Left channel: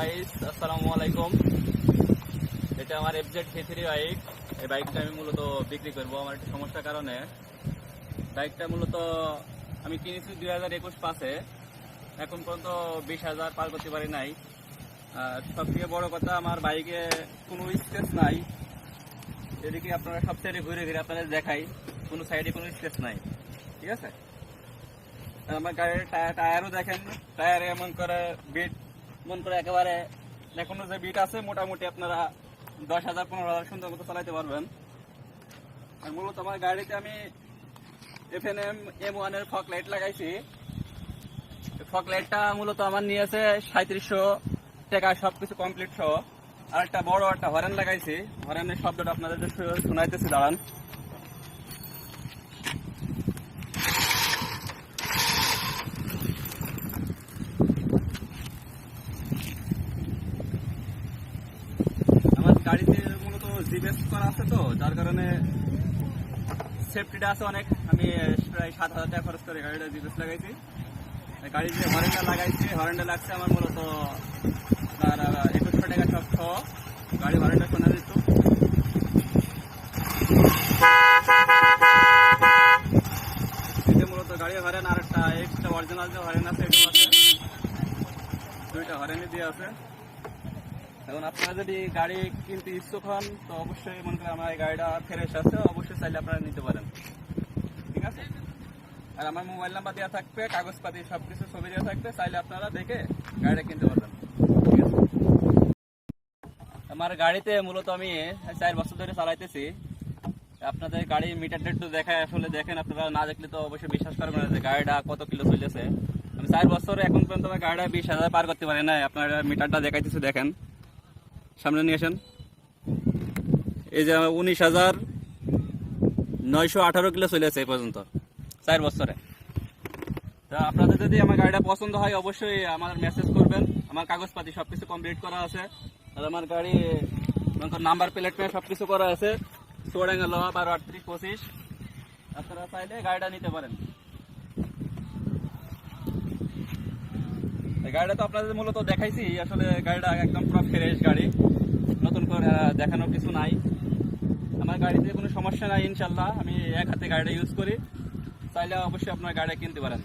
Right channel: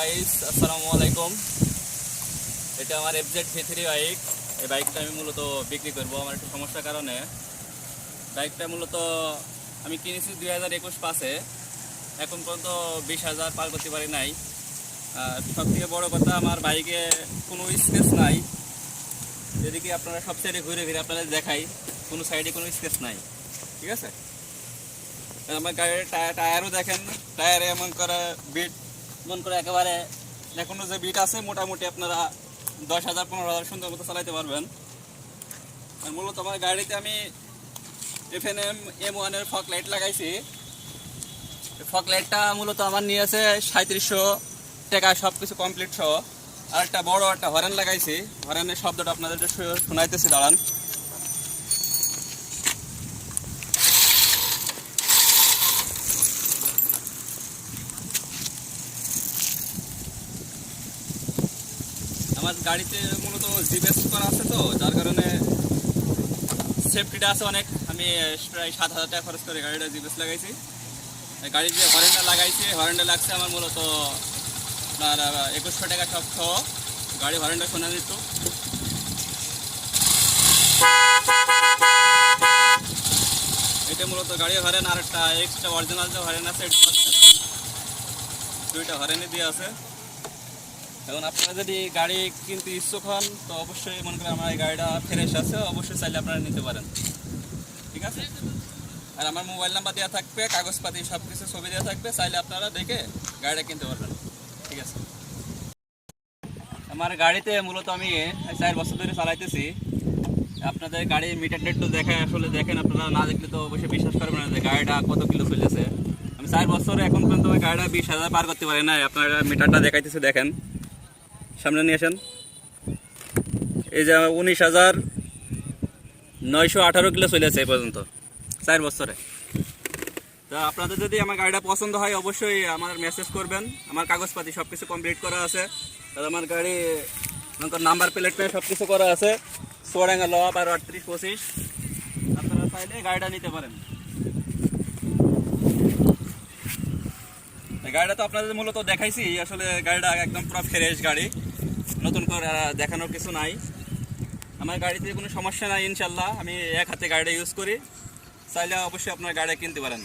Guys আসসালামু আলাইকুম। এটা আমার এফজেড V3 বাইক। এই বাইকটা আমি মূলত বিক্রি করব আমার একটা সমস্যার কারণে। বাইকটা মূলত আমি কিনেছি 2021 পাসে, এখন পর্যন্ত 20,000 পার করতে পারি নাই। আর সব থেকে বড় কথা, আমার বাইকে কোনো স্কেচ নাই। এদিকে আপনারা সব সাইডে ঘুরে ঘুরে আপনাদের দেখাই, কোনো সাইডে কোনো স্কেচ নাই, ঠিক আছে। আমার গাড়ির টায়ারও দেখেন, টায়ারে এমন করে বিট মন করে একেবারে এখনো যে বিট আছে, মোটামুটি আপনারা 10,000 15,000 সুন্দর মতো চালাইতে পারবেন। আর মূলত আমার গাড়িতে আমি FNM M1 এর ফগ লাইট লাগাইছি। ফগ লাইটটা মূলত আমার নিয়েছে 3700 টাকা, সব কিছু কমপ্লিট সহ। আর একটা বড় একটা হরেন লাগাইছি, হরেনের শব্দটা আপনাদের শোনাইতেছি, দাঁড়ান। আমার গাড়িতে মূলত জিপিএস করা আছে, তো যার কারণে সেফটিটা আছে অনেক। আমি প্রায় 7,000 টাকা খরচ করে গাড়িটা জিপিএস লাগাইছি। গাড়ির যে হরেনটা লাগাইছি, হরেনটা লাগছে আমার মূলত আপনার 2100 টাকা সব সহ। গাড়ি হরেনটা শোনা যেত, এটা মূলত গাড়ির হরেন। আর একটা এক্সট্রা অরিজিনাল যে হরেন আছে, এটা আছে, দুইটা হরেনই দিয়ে আছে। এখন আপনারা যদি গাড়ি কিনতে ইচ্ছুক হন, তো অবশ্যই মনে করেন আমার এই গাড়িটা ফ্রেশ আছে, অবশ্যই চাইলে আপনারা নিতে পারেন, ঠিক আছে। আর আমার মোবাইল নাম্বার দেওয়া থাকবে, কাগজপাতি সব কিছু ছবি দেওয়া থাকবে, চাইলে আপনারা দেখে গাড়িটা কিনতে পারবেন, ঠিক আছে। আমার গাড়িতে মূলত আমি 4 বছর ধরে চালাইতেছি। আপনাদের গাড়ির মিটারটা একটু দেখায়, আসলে দেখেন, আপনারা না দেখলে তো অবশ্যই বিশ্বাস করবেন না যে গাড়িটা কত কিলো চলেছে। আমি 4 বছরে এখন পর্যন্ত আমার গাড়িটা 20,000 পার করতে পারি না। আপনারা মিটারটা দেখাইতেছি, দেখেন, সামনে নিয়ে আসেন। এই যে 19,918 কিলো চলেছে এই পর্যন্ত 4 বছরে। তা আপনাদের যদি আমার গাড়িটা পছন্দ হয়, অবশ্যই আমার মেসেজ করবেন। আমার কাগজপাতি সব কিছু কমপ্লিট করা আছে। আর আমার গাড়ি নাম্বার প্লেট সব কিছু করা আছে, সোয়াডাঙ্গা ল 123825। আপনারা চাইলে গাড়িটা নিতে পারেন। গাড়িটা তো আপনাদের মূলত দেখাইছি, আসলে গাড়িটা একদম পুরো ফ্রেশ গাড়ি, নতুন করে দেখানোর কিছু নাই। আমার গাড়িতে কোনো সমস্যা নাই ইনশাল্লাহ। আমি এক হাতে গাড়িটা ইউজ করি, চাইলে অবশ্যই আপনার গাড়িটা কিনতে পারেন।